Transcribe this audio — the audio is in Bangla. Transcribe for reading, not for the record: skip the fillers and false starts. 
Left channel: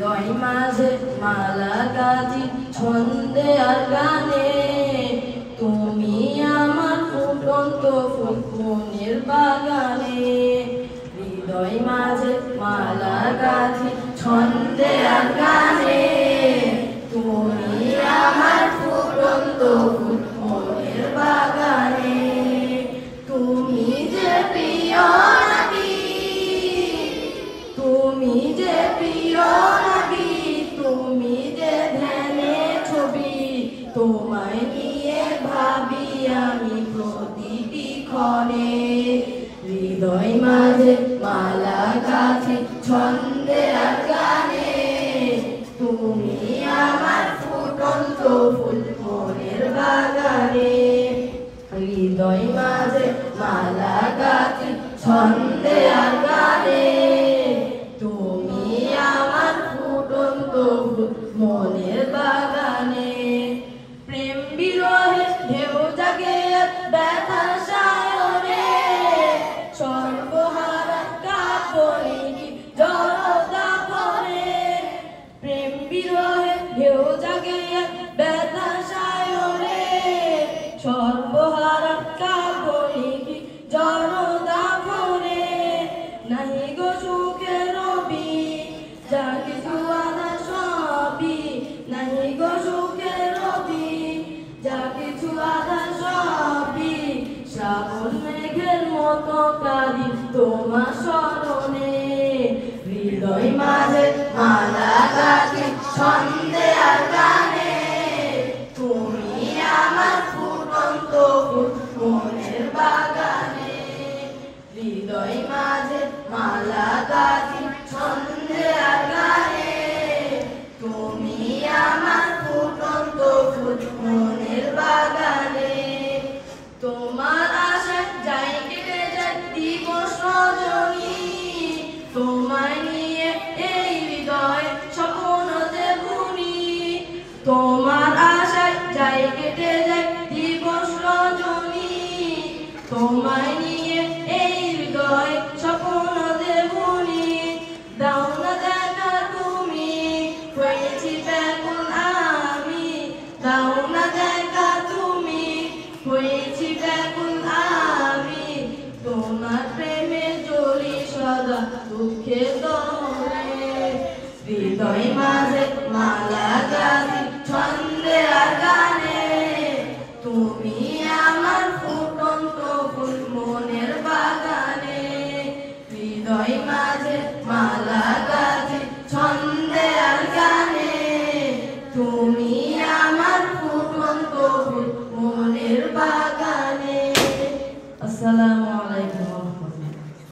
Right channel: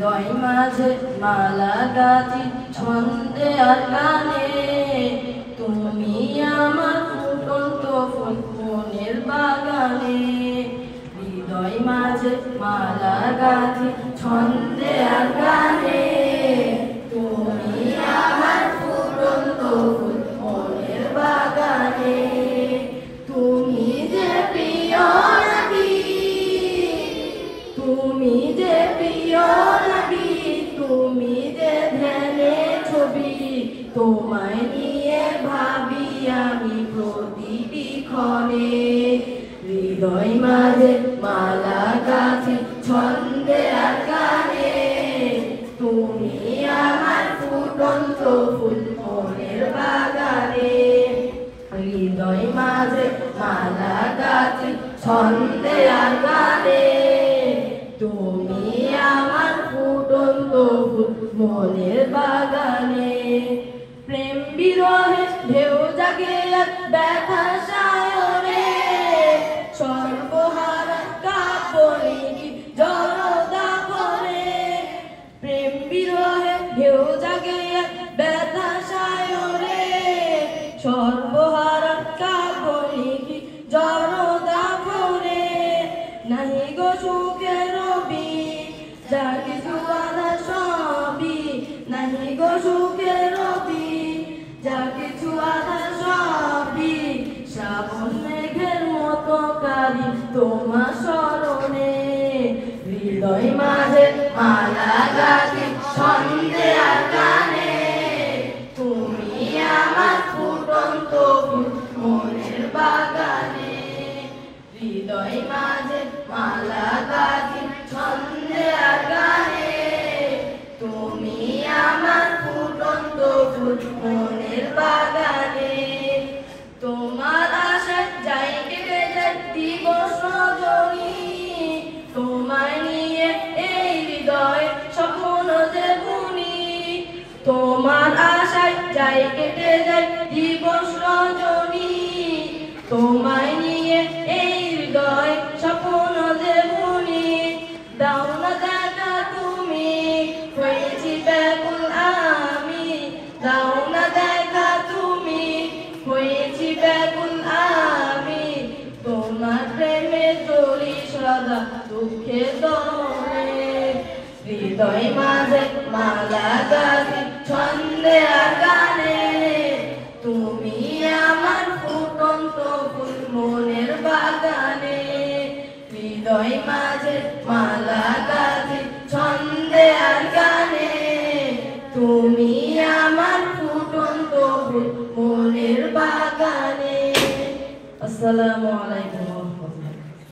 হৃদয় মাঝে মালা গাঁথি ছন্দে আর গানে, তুমি আমার ফুটন্ত ফুল মনের বাগানে। হৃদয় মাঝে মালা গাঁথি ছন্দে আর গানে, তুমি আমার ফুটন্ত ফুল মনের বাগানে। তুমি যে প্রিয় নবী, তুমি যে প্রিয় নবী, তুমি যে ধ্যানে ছবি, তোমায় নিয়ে ভাবি আমি প্রতিটি ক্ষণে। হৃদয় মাঝে মালা গাঁথি ছন্দে আর গানে, তুমি আমার ফুটন্ত ফুল মনের বাগানে। হৃদয় মাঝে মালা গাঁথি ছন্দে আর গানে, তুমি আমার ফুটন্ত ফুল মনের বাগানে। প্রেম বিরহে ঢেউ জাগে ব্যথা সায়রে, সর্বহারা কাপড়ে কি জড়তা ভরে। প্রেম বিরহে ঢেউ জাগে ব্যথা সায়রে, সর্বহারা কাপড়ে কি জড়তা ভরে। নাহি গো সুখের রবি যা কিছু আধা সবই, নাহি গো সুখের রবি যা কিছু আধা সবই। শ্রাবণ মেঘের মতো কাঁদি তোমার স্মরণে। হৃদয় মাঝে মালা গাঁথি ছন্দে আর গানে, তুমি আমার ফুটন্ত ফুল মনের বাগানে। হৃদয় মাঝে মালা গাঁথি ছন্দে আর গানে, তুমি আমার ফুটন্ত ফুল মনের বাগানে। তোমার আশায় যাই কেটে যায় দিবস রজনী, তোমায় নিয়ে এই হৃদয় স্বপ্ন যে বুনি। তোমার আশায় যাই কেটে যায় দিবস রজনী, তোমায় নিয়ে এই হৃদয় স্বপ্ন যে বুনি। দাও না দেখা তুমি হয়েছি ব্যাকুল আমি, দাও না দেখা তুমি হয়েছি ব্যাকুল আমি। তোমার প্রেমে চলি সদা দুঃখের দহনে। হৃদয় মাঝে মালা গাঁথি ছন্দে আর গানে, তুমি আমার ফুটন্ত ফুল মনের বাগানে। হৃদয় মাঝে মালা গাঁথি ছন্দে আর গানে, তুমি আমার ফুটন্ত ফুল মনের বাগানে। আসসালামু